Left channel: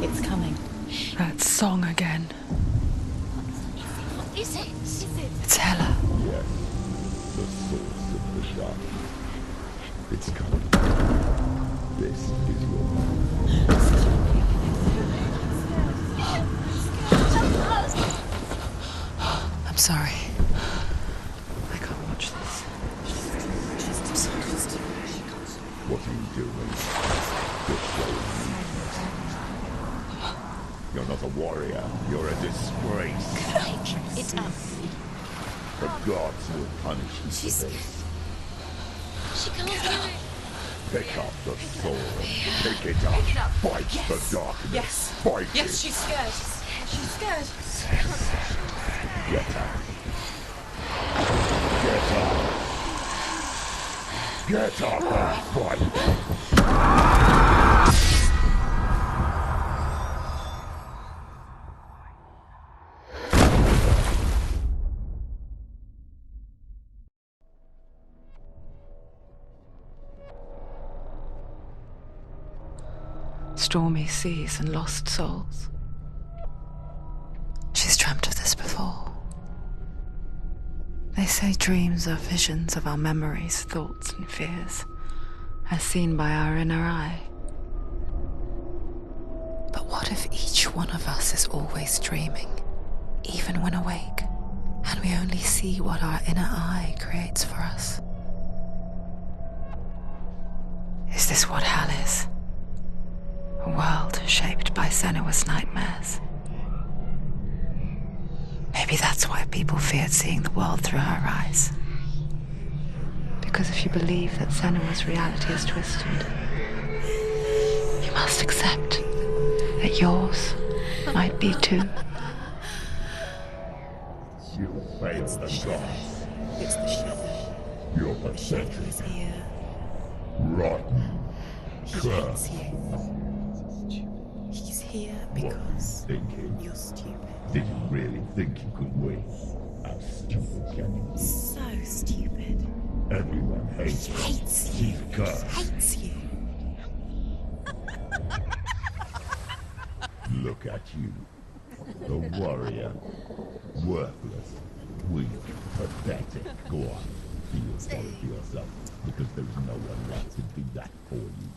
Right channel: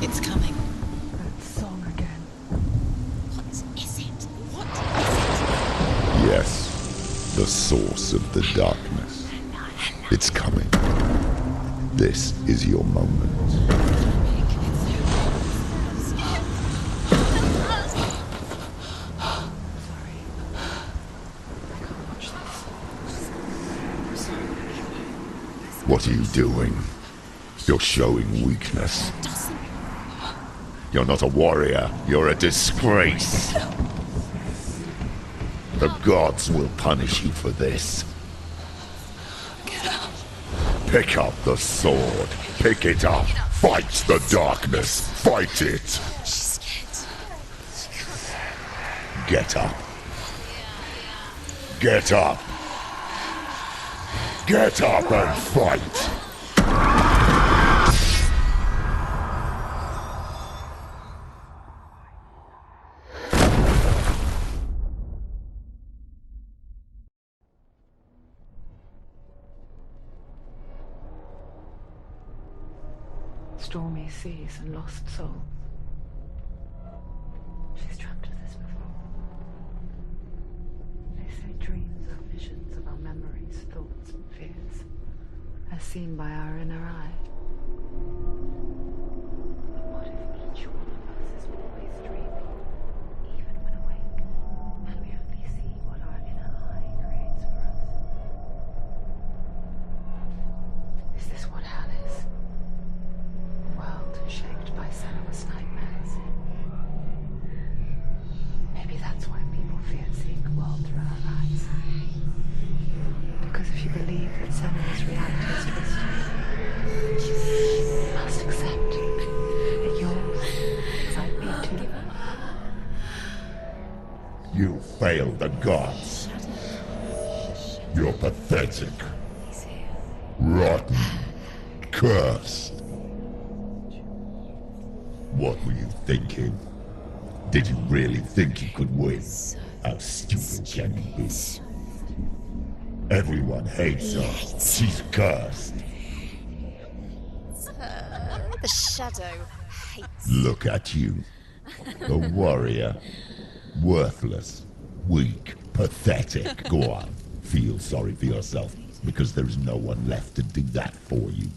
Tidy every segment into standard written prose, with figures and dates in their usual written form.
It's coming. That song again. Is it? It's Helen. Yes, the source of the darkness. It's coming. This is your moment. I'm sorry. I can't watch this. What are you doing? You're showing weakness. You're not a warrior. You're a disgrace. The gods will punish you for this. Pick up the sword. Pick it up. Fight the darkness. Fight it. Get up. Get up. Get up and fight. Stormy seas and lost souls. She's dreamt of this before. They say dreams are visions of our memories, thoughts and fears, as seen by our inner eye. But what if each one of us is always dreaming, even when awake, and we only see what our inner eye creates for us? Is this what hell is? A world shaped by Senua's nightmares. Maybe that's why people feared seeing the world through her eyes. Because if you believe that Senua's reality is twisted, you must accept that yours might be too. You failed the gods. You're pathetic. Rotten. Cursed. What were you thinking? Did you really think you could win? How stupid can you be? So stupid. Everyone hates her. She's cursed. The shadow hates. Look at you. A warrior. Worthless. Weak. Pathetic. Go on. Feel sorry for yourself, because there is no one left to do that for you.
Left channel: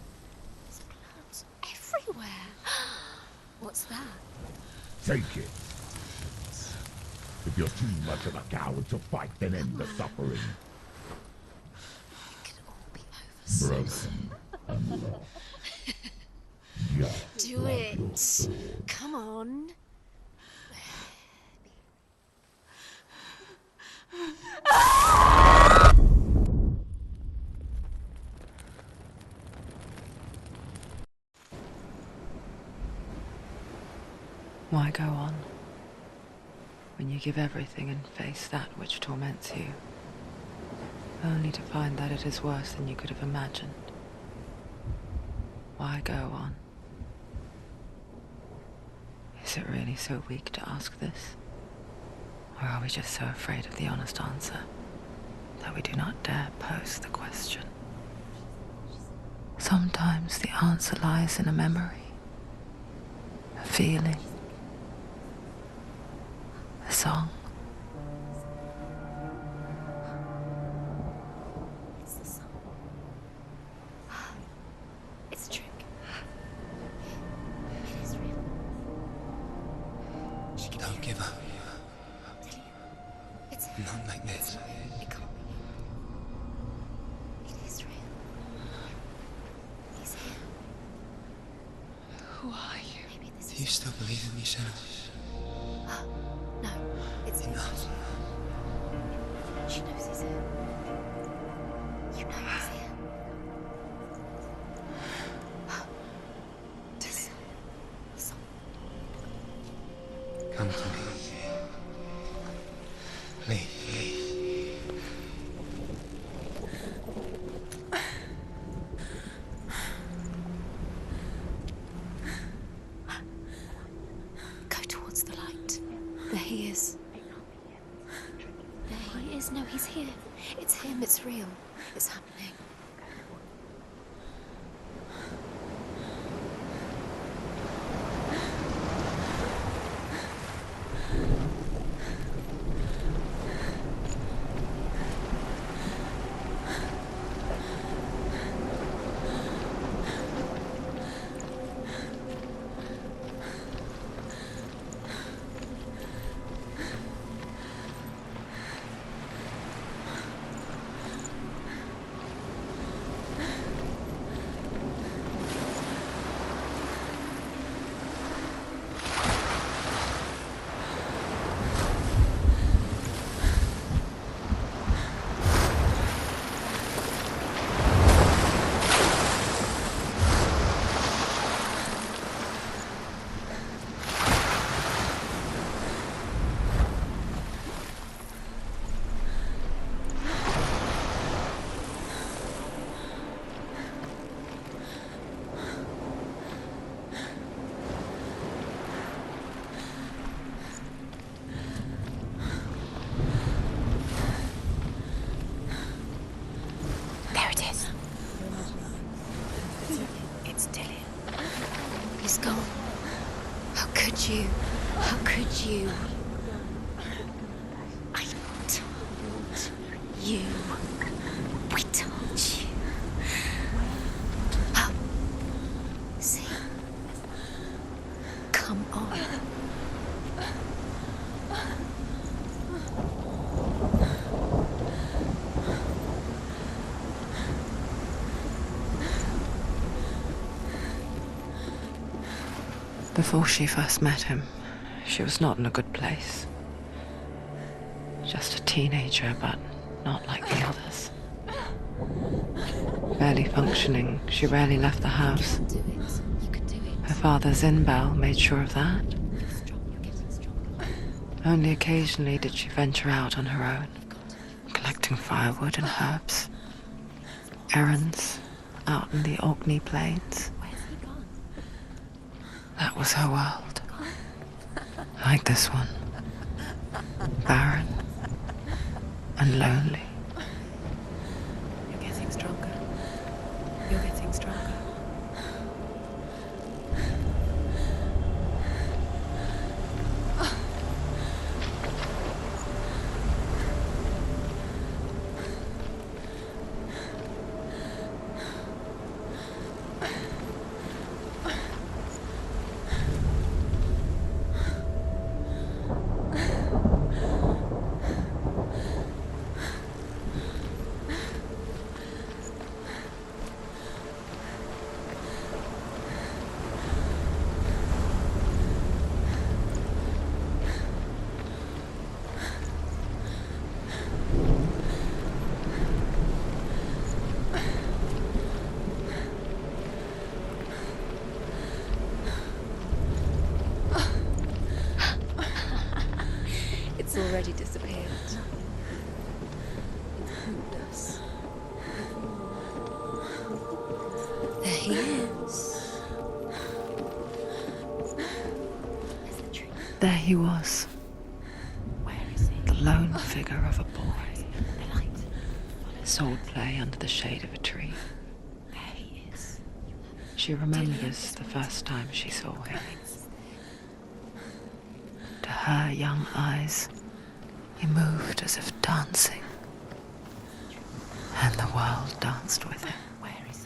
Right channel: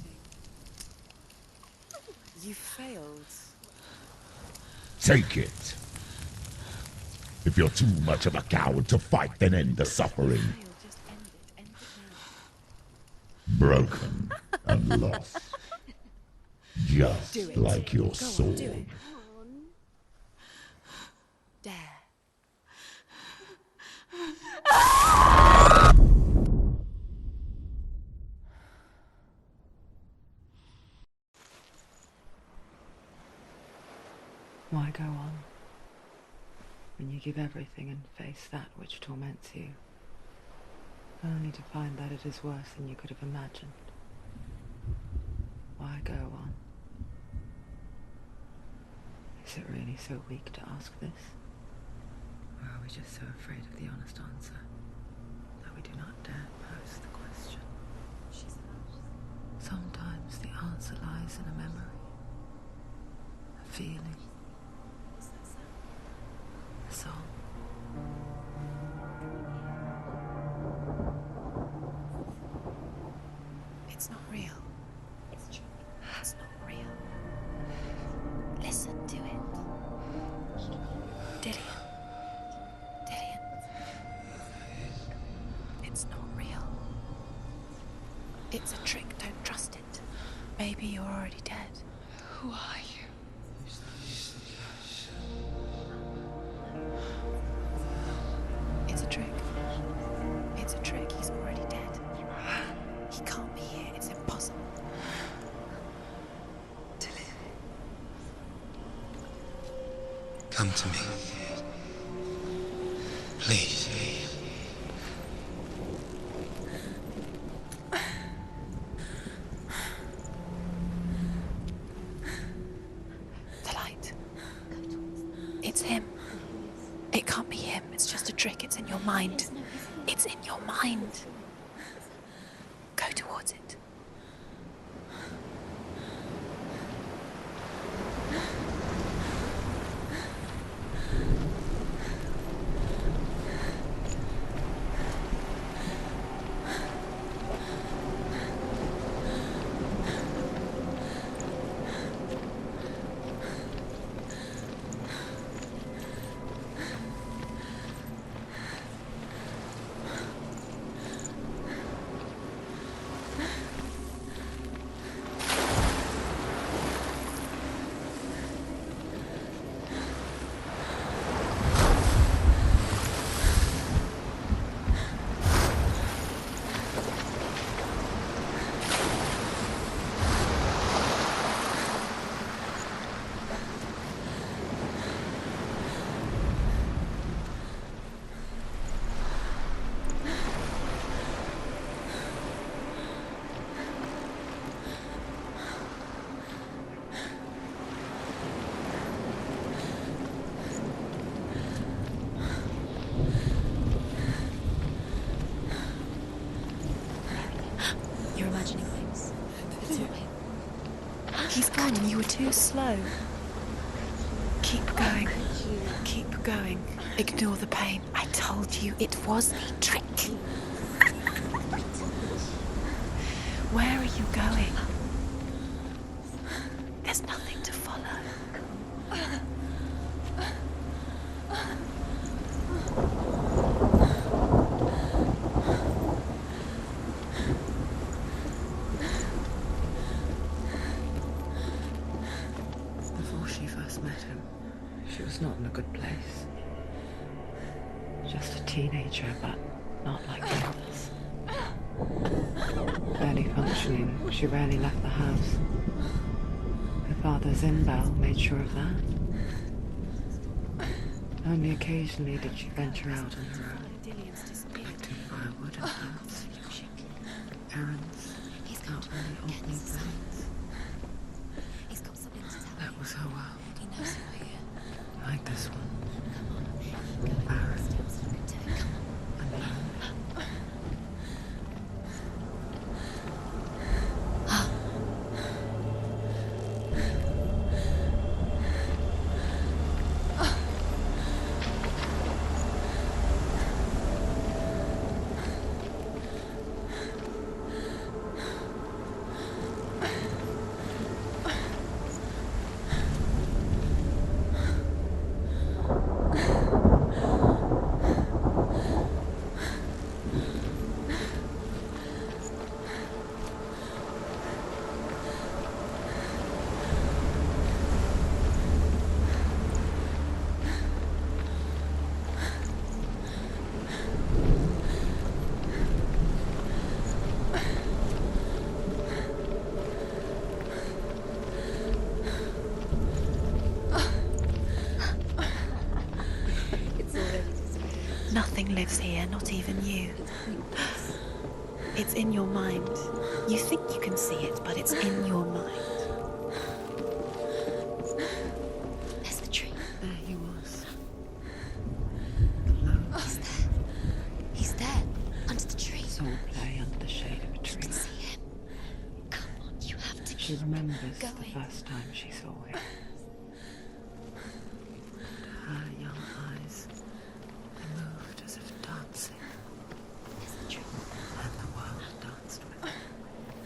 Everywhere. You failed. What's that? Take it. If you're too much of a coward to fight, then end the suffering. Broken and lost. Just like your sword. Come on. Dare. Why go on when you give everything and face that which torments you, only to find that it is worse than you could have imagined? Why go on? Is it really so weak to ask this? Or are we just so afraid of the honest answer that we do not dare pose the question? Sometimes the answer lies in a memory, a feeling, a song. It's the song. It's not real. It's a trick. It's not real. It is real. Listen to it. She can Don't give up. Dillian. It's Not like this. it can't. It's not real. It is real. It's a trick. Don't trust it. Maybe you're already dead. Who are you? Maybe this Do you is still believe in yourself? no. It's Enough. It's a trick. She knows it's him. It's a trick. He's already dead. You know it's him. He can't be here. It's impossible. Dillian. Come to me. Please. The light. Go towards the light. It's him. There he is. It can't be him. It's just a trick. It's in your mind. No, he's here. It's in your mind. It's real. It's happening. Go towards it. alone. How could you? Keep How going. could you? Keep going. Ignore the pain. I told you it was to trick you. We told you. Where are you going? See, There's nothing to follow. come on. Before she first met him, she was not in a good place. Just a teenager, but not like the others. Barely functioning, she rarely left the house. Her father, Zinbal, made sure of that. Only occasionally did she venture out on her own, collecting firewood and herbs. Errands out in the Orkney Plains. That was her world. Like this one. Barren and lonely. You're getting stronger. You're getting stronger. It's already disappeared. Nothing lives here, not even you. It's in your mind. You think you can see it, but it's in your mind. There's the tree. There he was, Where is he? the lone figure of a boy. He's there, under the tree. Sword play under the shade of a tree. There he is. You have to. She remembers the first time she saw him. To her young eyes, he moved as if dancing. And the world danced with him. Where is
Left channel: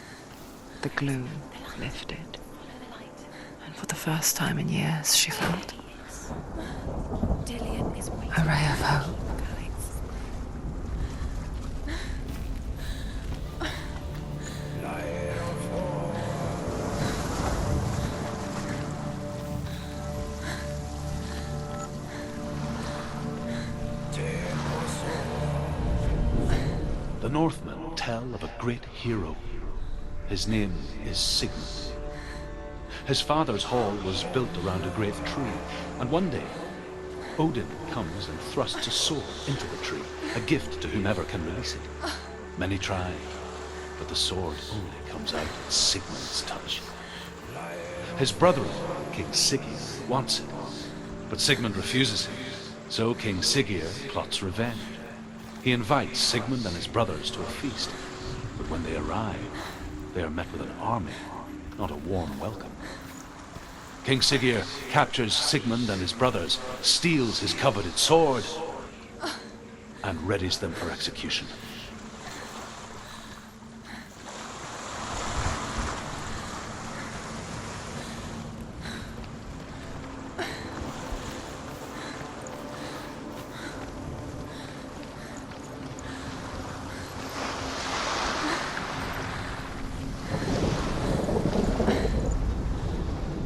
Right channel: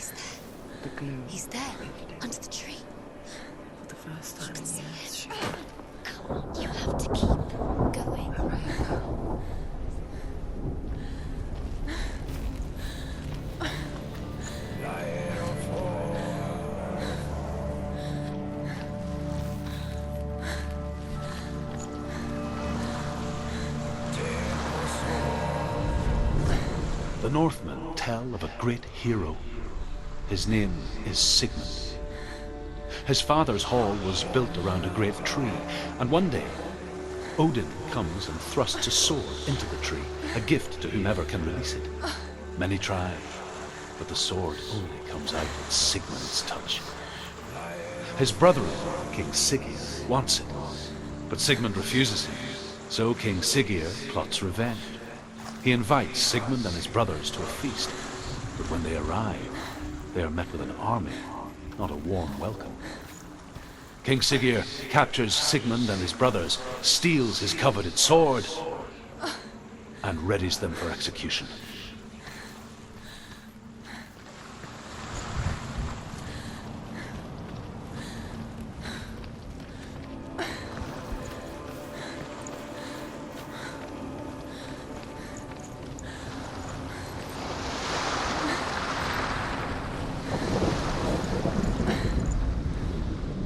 he? The glue He's there, lifted. under the tree. And for the first time in years, she felt You have to keep Dillian, because we. a ray of hope. The Northmen tell of a great hero. His name is Sigmund. His father's hall was built around a great tree, and one day, Odin comes and thrusts a sword into the tree, a gift to whomever can release it. Many try, but the sword only comes out at Sigmund's touch. His brother-in-law, King Siggeir, wants it, but Sigmund refuses him, so King Siggeir plots revenge. He invites Sigmund and his brothers to a feast, but when they arrive, they are met with an army, not a warm welcome. King Siggeir captures Sigmund and his brothers, steals his coveted sword, and readies them for execution.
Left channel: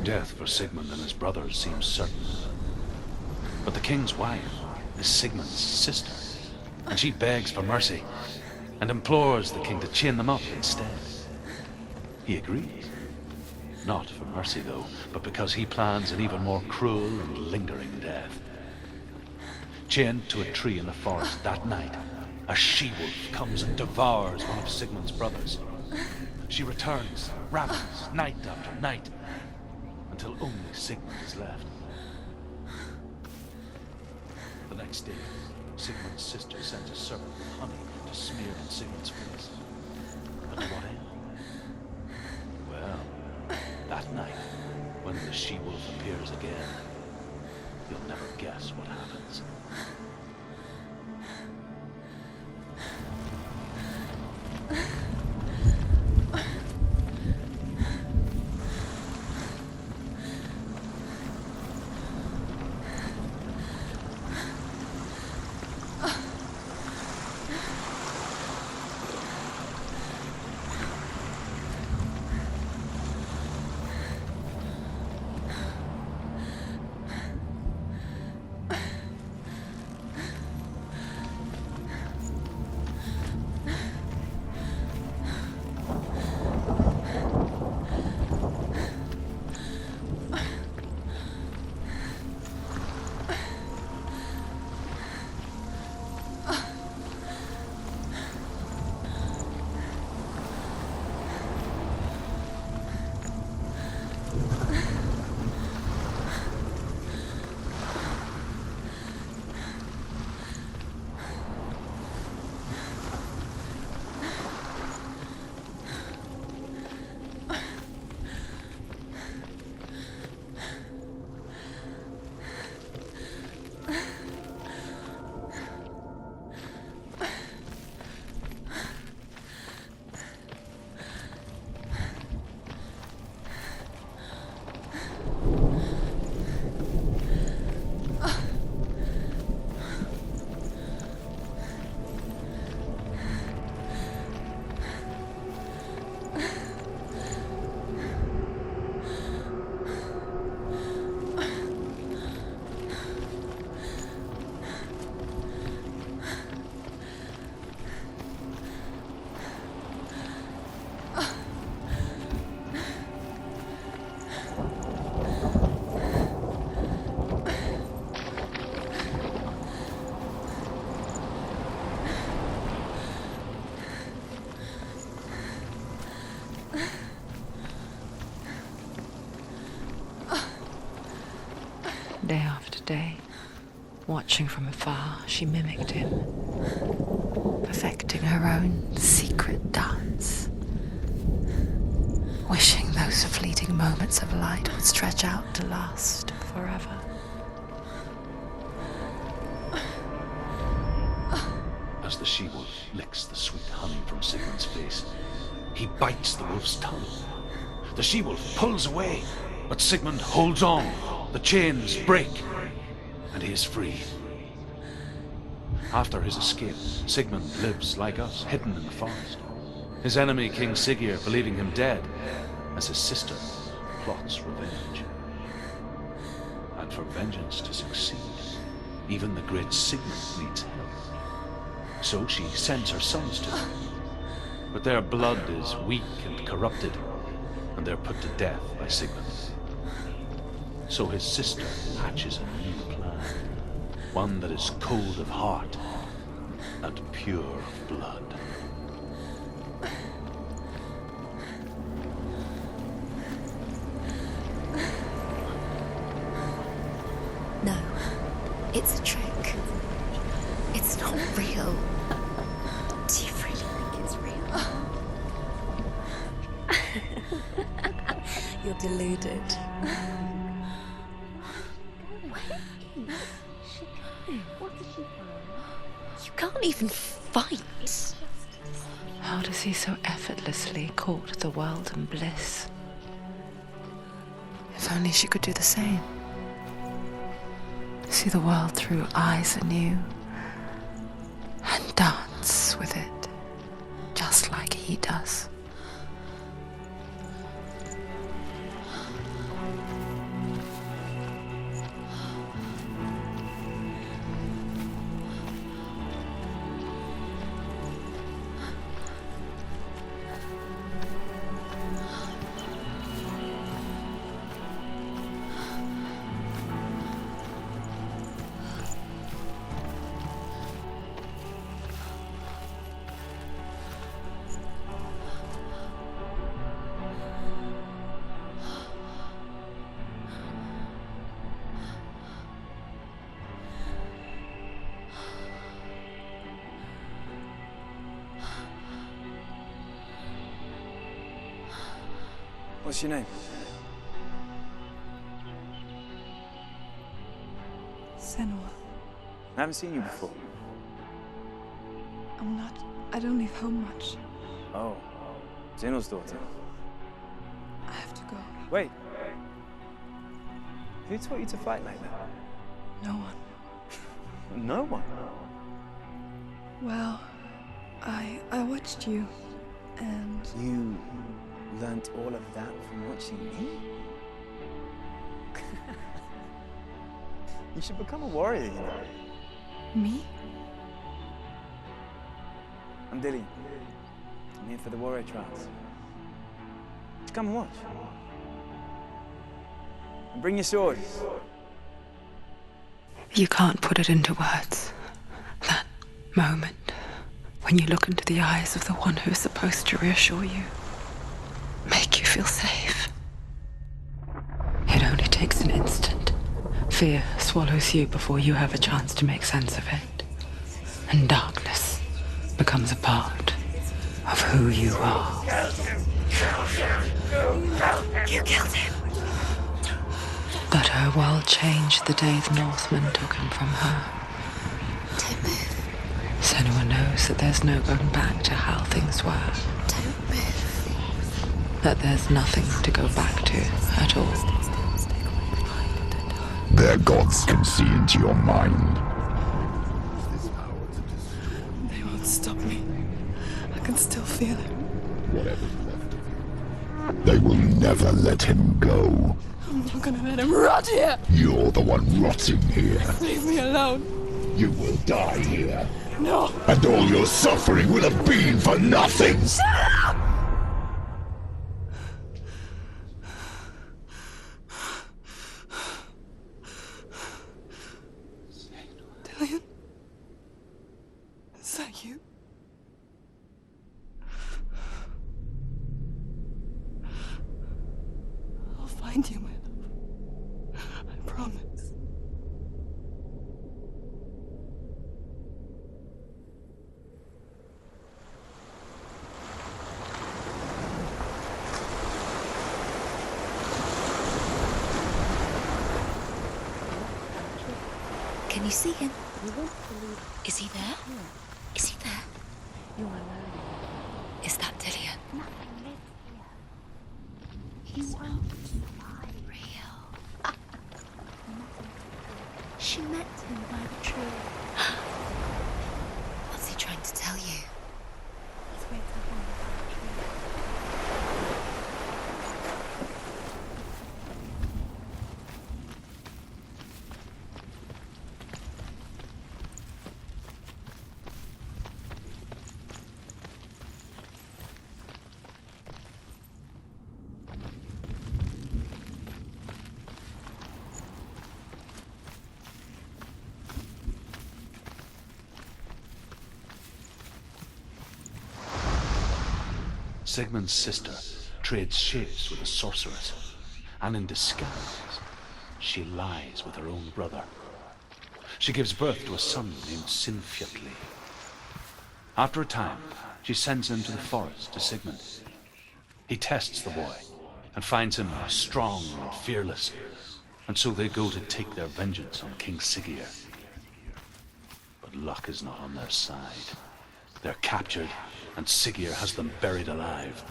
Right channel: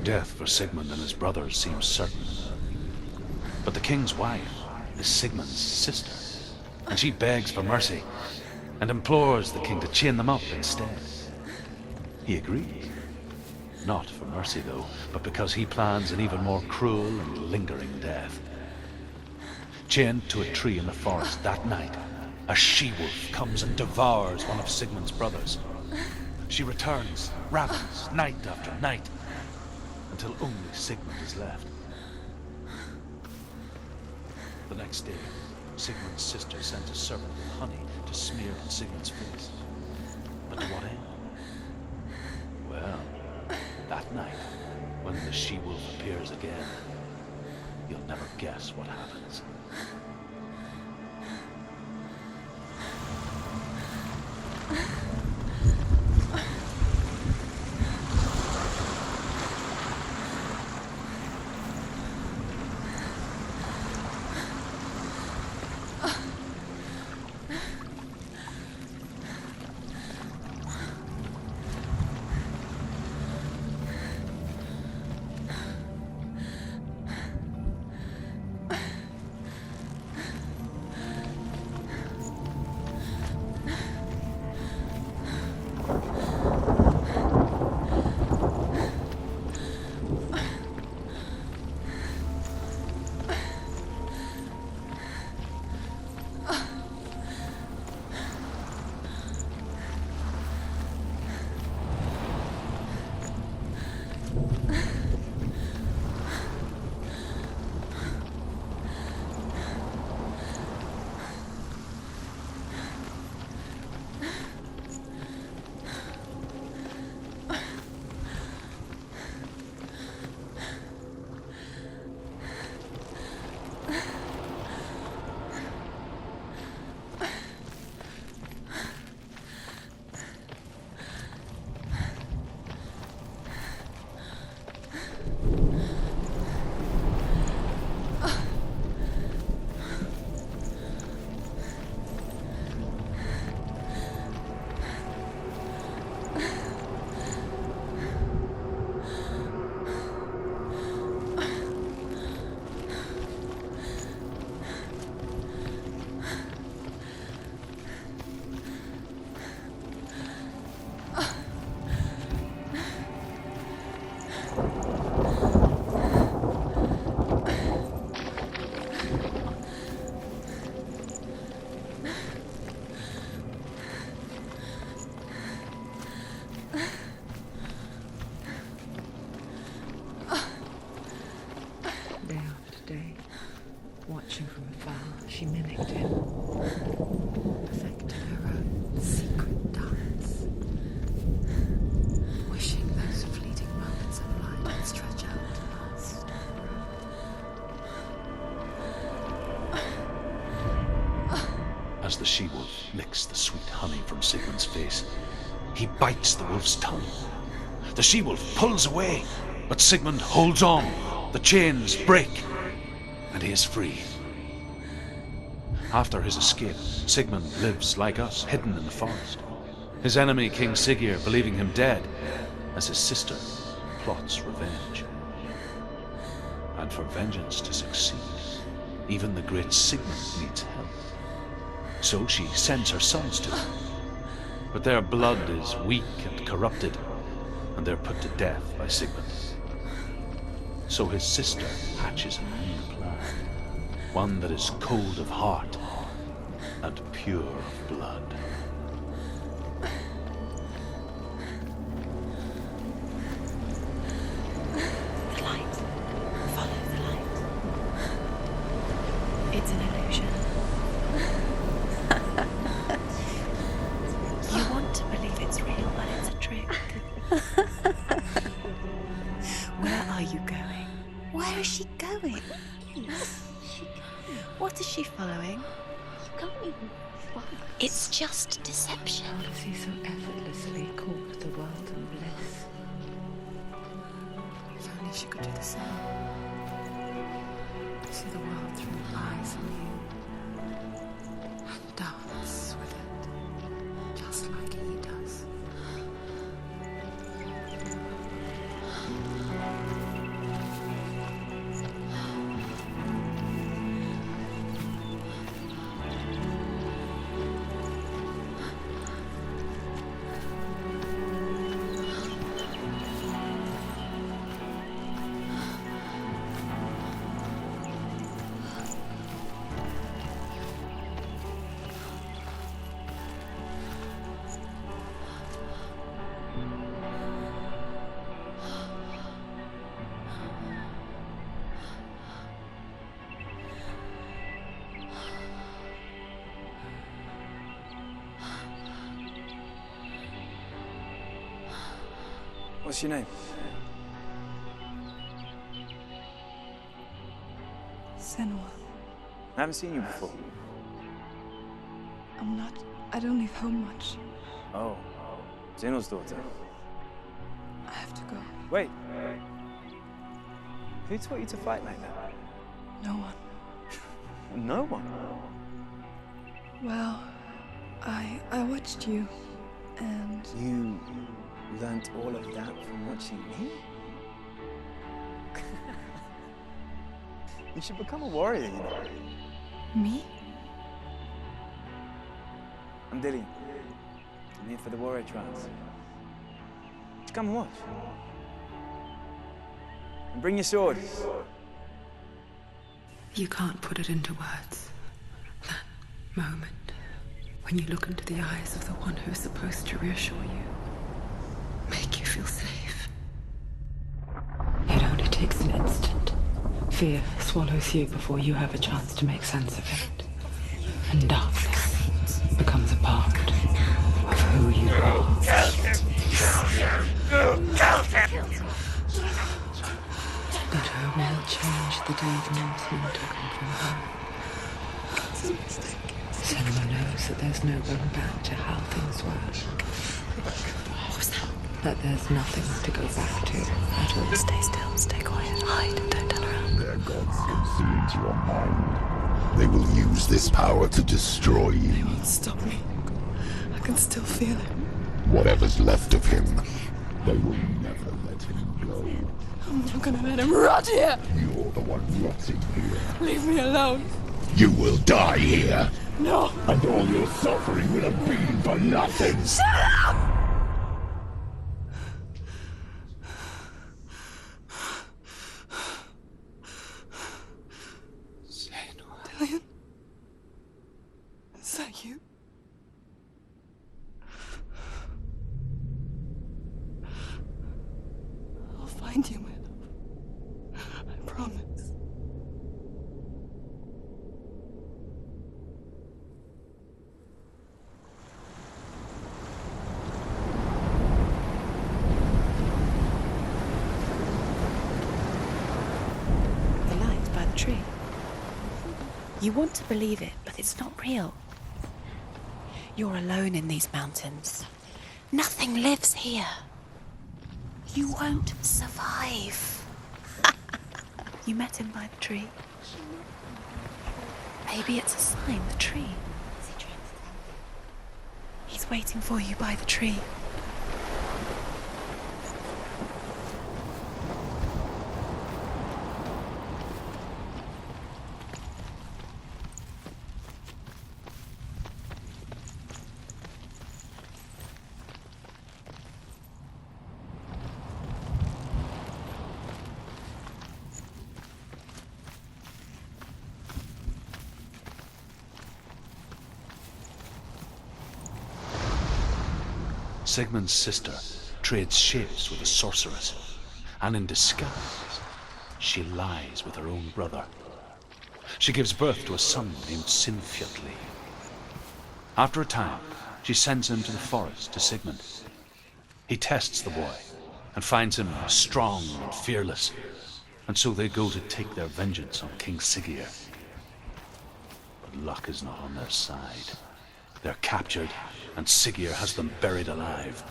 Death for Sigmund and his brothers seems certain. But the king's wife is Sigmund's sister, and she begs for mercy and implores the king to chain them up instead. He agrees. Not for mercy, though, but because he plans an even more cruel and lingering death. Chained to a tree in the forest that night, a she-wolf comes and devours one of Sigmund's brothers. She returns, ravens, night after night, until only Sigmund is left. The next day, Sigmund's sister sends a serpent with honey to smear on Sigmund's face. But to what end? Well, that night, When the she-wolf appears again, you'll never guess what happens. Day after day, watching from afar, she mimicked him, perfecting her own secret dance, wishing those fleeting moments of light would stretch out to last forever. As the she-wolf licks the sweet honey from Sigmund's face, he bites the wolf's tongue. The she-wolf pulls away, but Sigmund holds on. The chains break, and he is free. After his escape, Sigmund lives like us, hidden in the forest. His enemy, King Siggeir, believing him dead, as his sister plots revenge. And for vengeance to succeed, even the great Sigmund needs help. So she sends her sons to him. But their blood is weak and corrupted, and they're put to death by Sigmund. So his sister hatches a new plan, one that is cold of heart and pure of blood. No, it's a trick. It's an illusion. It's not real. Different. It's real. You want to believe it's real, but it's a trick. You're deluded. Where are you going? Where is she going? What is she following? You can't even fight. It's just deception. How does he so effortlessly court the world and bliss? If only she could do the same. See the world through eyes anew and dance with it, just like he does. What's your name? Senua. I haven't seen you before. I don't leave home much. Oh, Zeno's daughter. I have to go. Wait. Who taught you to fight like that? No one. No one? Well, I watched you, and... You learnt all of that from watching me? You should become a warrior, you know. Me? I'm Dillian. I'm here for the warrior trials. Come and watch. And bring your sword. You can't put it into words. That moment when you look into the eyes of the one who's supposed to reassure you, make you feel safe. It only takes an instant. Fear swallows you before you have a chance to make sense of it. And darkness becomes a part of who you are. You killed him. But her world changed the day the Northmen took him from her. Senua knows that there's no going back to how things were. That there's nothing to go back to at all. Stay still, stay quiet, hide, don't tell her. Their gods can see into your mind. They will use this power to destroy you. They won't stop me. I can still feel him. Whatever's left of him, they will never let him go. I'm not gonna let him rot here! You're the one rotting here. Leave me alone! You will die here. No! And all your suffering will have been for nothing. Shut up! Dillian? Is that you? I'll find you, my love. I promise. The light by the tree. Can you see him? You want to believe it. Is he not real? Is he there? You're alone in these mountains. Is that Dillian? Nothing lives here. You won't survive. You met him by the tree. She met him by the tree. Maybe it's a sign, the tree. What's he trying to tell you? He's waiting for you by the tree. Sigmund's sister trades shapes with a sorceress, and in disguise, she lies with her own brother. She gives birth to a son named Sinfjotli. After a time, she sends him to the forest to Sigmund. He tests the boy and finds him strong and fearless, and so they go to take their vengeance on King Siggeir. But luck is not on their side. They're captured, and Siggeir has them buried alive.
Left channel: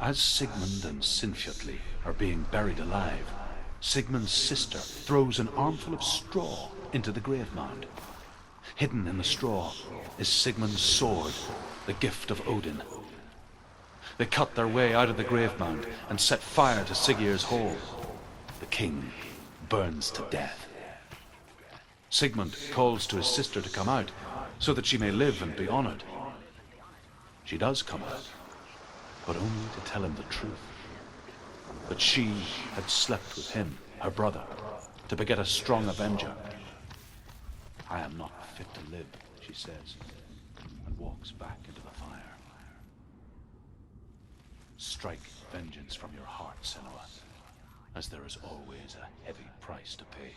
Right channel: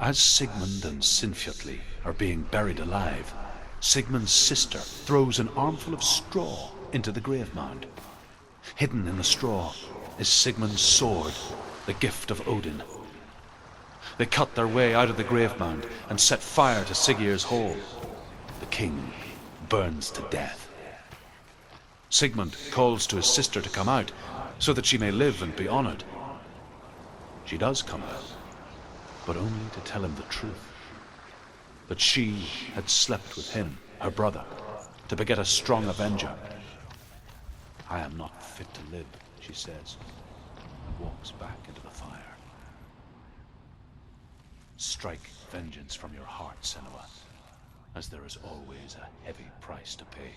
As Sigmund and Sinfjotli are being buried alive, Sigmund's sister throws an armful of straw into the grave mound. Hidden in the straw is Sigmund's sword, the gift of Odin. They cut their way out of the grave mound and set fire to Siggeir's hall. The king burns to death. Sigmund calls to his sister to come out so that she may live and be honored. She does come out, but only to tell him the truth. That she had slept with him, her brother, to beget a strong avenger. I am not fit to live, she says, and walks back into the fire. strike vengeance from your heart, Senua, as there is always a heavy price to pay.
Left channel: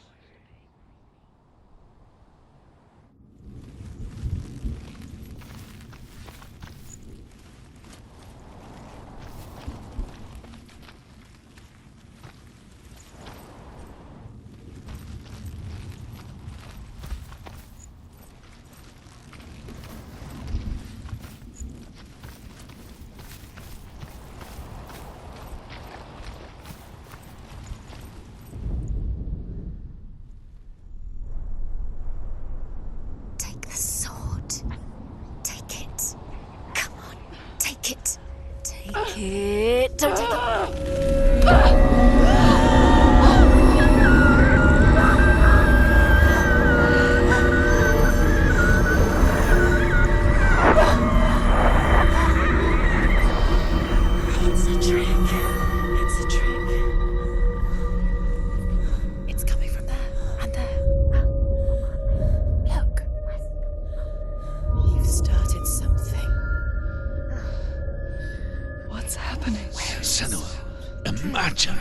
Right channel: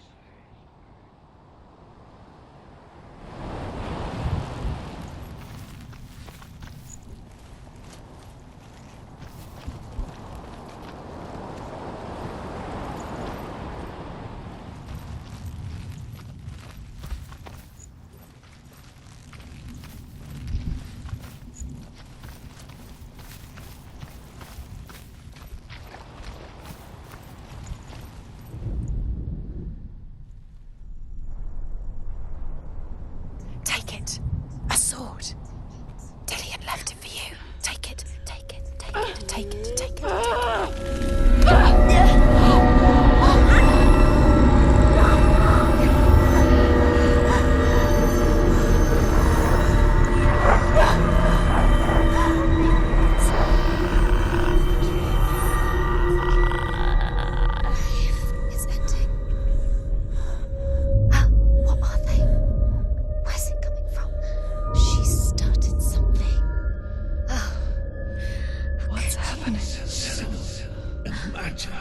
Imagine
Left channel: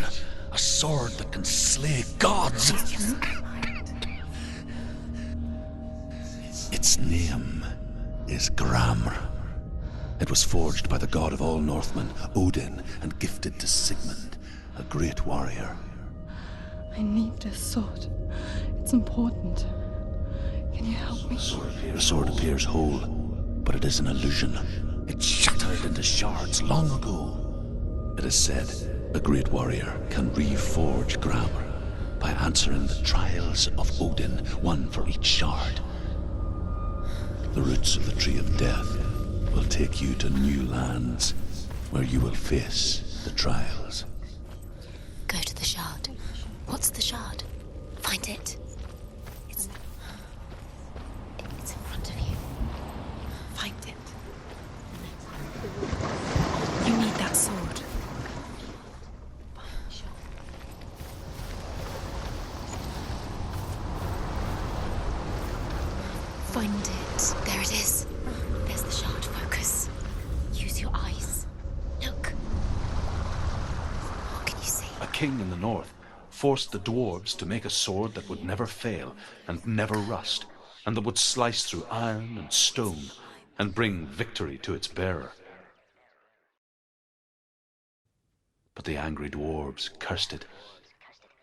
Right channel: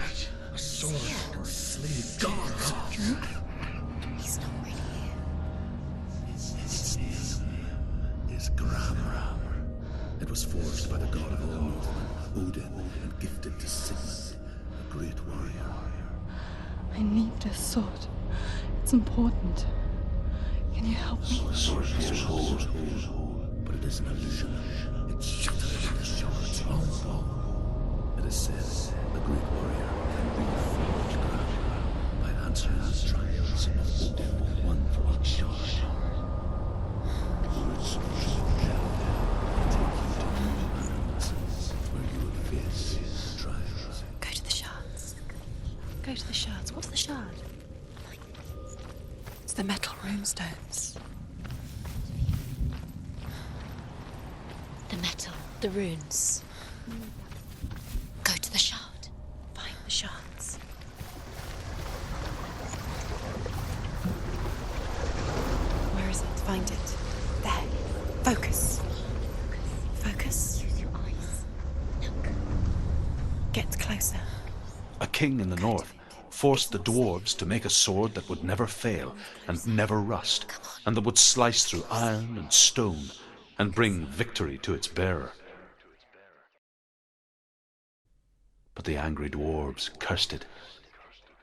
a sword that can slay gods. Its name is Gramr. It was forged by the god of all Northmen, Odin, and gifted to Sigmund, a great warrior. I need this sword. It's important. Can you help me? The sword appears whole, but it is an illusion. It shattered into shards long ago. It is said a great warrior can reforge Gramr by answering the trials of Odin, one for each shard. The roots of the Tree of Death will take you to new lands where you will face the trials. Go to the shards. Go to the shard. Go to the shards. What's the shard? Find it. It's the metal runestones. It's in front of you. Find it. The metal, the runes. You need that sword. Go to the shard. Find the shards. Where is it? Find it. There it is. Focus. There's the shard. Focus. Focus. Use your eyes. Look. Get closer. What can you see? A king in the north forced the dwarves to make a sword that would never fail and never rust, and that would slice through iron and stone and bring victory to its bearer. But the angry dwarves cursed it.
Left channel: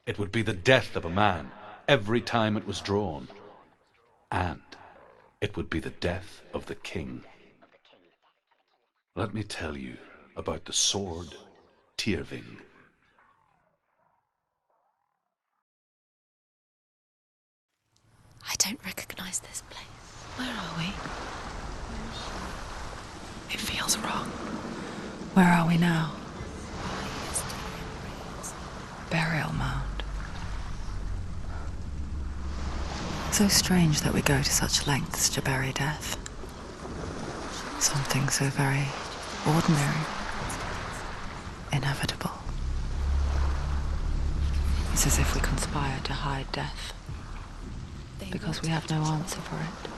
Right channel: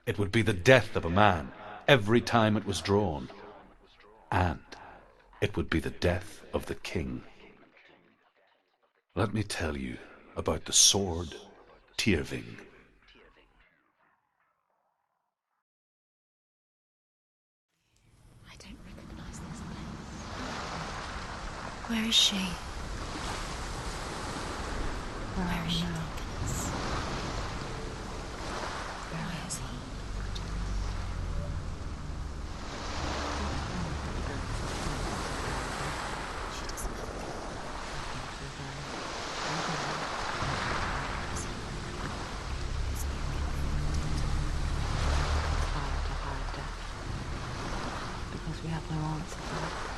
It would be the death of a man every time it was drawn, and it would be the death of the king. Let me tell you about the sword Tyrving. I don't recognize this place. Where are we? Where is she? It feels wrong. Where are we now? Burial mound. So strange that we go to such lengths to bury death. Something so very ordinary, inevitable. It's as if we conspire to hide death, because we have no answer for it.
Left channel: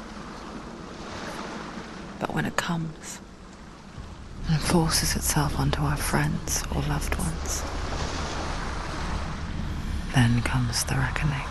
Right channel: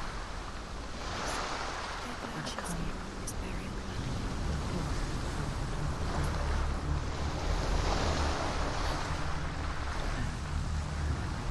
But when it comes and forces itself onto our friends or loved ones, then comes the reckoning.